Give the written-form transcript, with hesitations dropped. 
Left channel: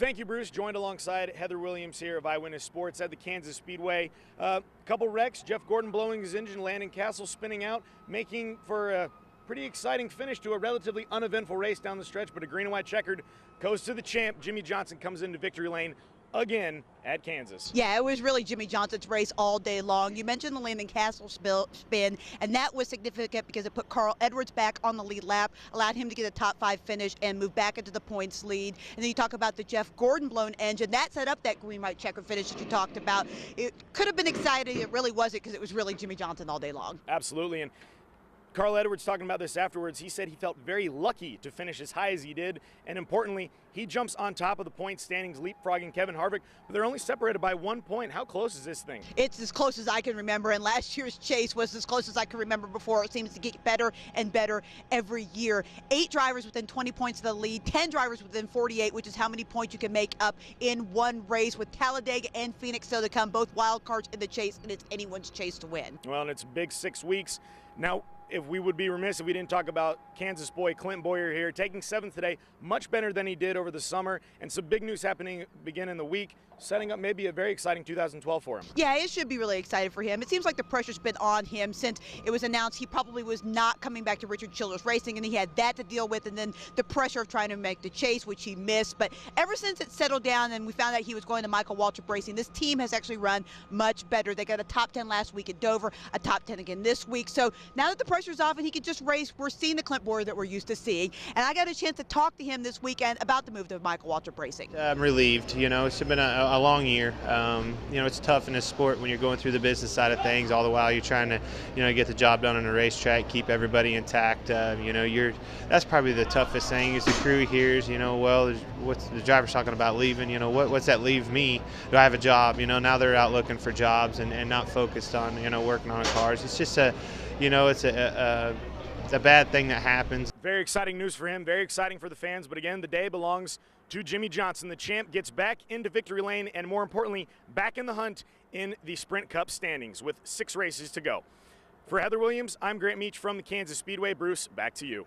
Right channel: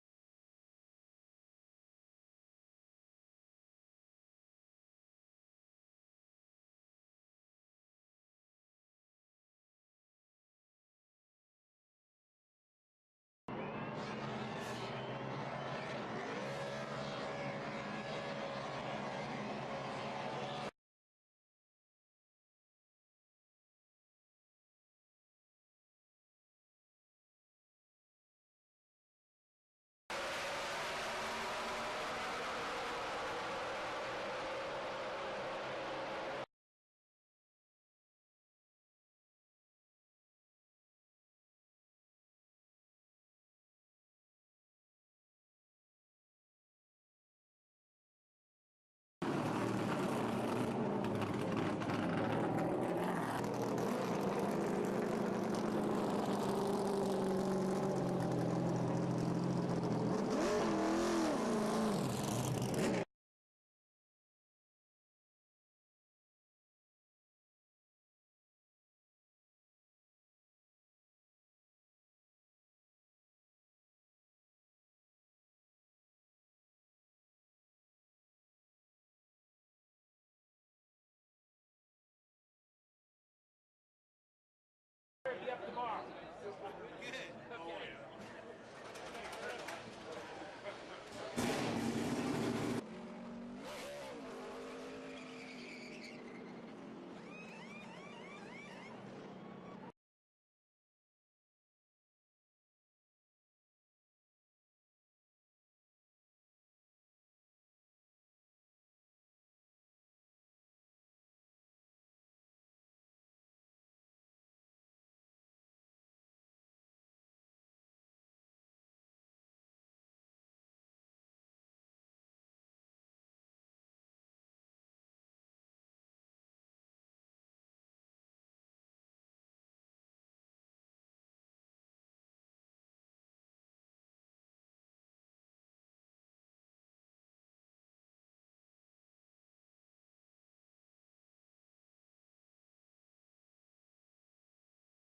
Thank you, Bruce. Joined alongside Heather Williams here of Eyewitness Sports at the Kansas Speedway. Couple wrecks, Jeff Gordon blowing his engine, Landon Cassill spinning out, making for a pretty exciting finish to a relatively uneventful race down the stretch, but a green and white checkered goes to the champ. Jimmie Johnson comes into victory lane again at Kansas. Yeah, it was really Jimmie Johnson's race all day long. You mentioned the Landon Cassill spin, and that was significant because it put Carl Edwards back on the lead lap, allowed him to get a top 5 finish and move back into the points lead. And then you talk about the Jeff Gordon blown engine. That set up that green white checker finish that you talked about. It could have been exciting. It really wasn't, because it was really Jimmie Johnson all day long. Absolutely. And Carl Edwards talking about this afterwards, he said he felt very lucky to finish as high as he did, and importantly, he jumps on top of the point standings, leapfrogging Kevin Harvick, but they're only separated by 1 point. How close is this thing? It's as close as I can remember, and last year's chase was as close as I can remember before. It seems to get better and better every year. 8 drivers within 20 points of the lead, 10 drivers within 48, which is how many points you can make up in one race, with Talladega and Phoenix still to come, both wild cards in the chase, and it's anyone's chase to win. Well, and it's a big 6 weeks. Now, if we would be remiss if we didn't talk about Kansas boy Clint Bowyer here, taking 7th today, much better than he did over the summer, and some big news happening beginning the week, setting up maybe a very exciting 2012 for him. Yeah, it should be really excited for him. It seems like the pressure's been on him since it was announced he probably was not coming back to Richard Childress Racing, and he had that to deal with, and then the pressure of trying to make the chase, which he missed. But ever since it settled down and we found out he was going to Michael Waltrip Racing, this team has actually run much better. They got a top 10 last week at Dover, a top 10 again this week. So now that the pressure's off and he can just race, we're seeing the Clint Bowyer that we're used to seeing. And I got a chance to talk to him this weekend about the move to Michael Waltrip Racing. I'm relieved. You know, it's been a long year. You know, it's tough in this sport when you're going through the business side of things. All the while you're trying to, you know, get the job done on a racetrack, keep everybody intact. You know, that's probably the toughest thing is the crew hears, you know, well, what's the driver's talking about leaving? You know, what's that leave me? Do I have a job? You know, now they're out looking for jobs and not focused on, you know, working on cars. It's just you know, it's a bad thing that happens. Very exciting news for him, very exciting for the fans, but again, the day belongs to Jimmie Johnson. The champ gets back into victory lane and, more importantly, back in the hunt in the Sprint Cup standings with 6 races to go. For Heather Williams, I'm Grant Meach from the Kansas Speedway. Bruce, back to you.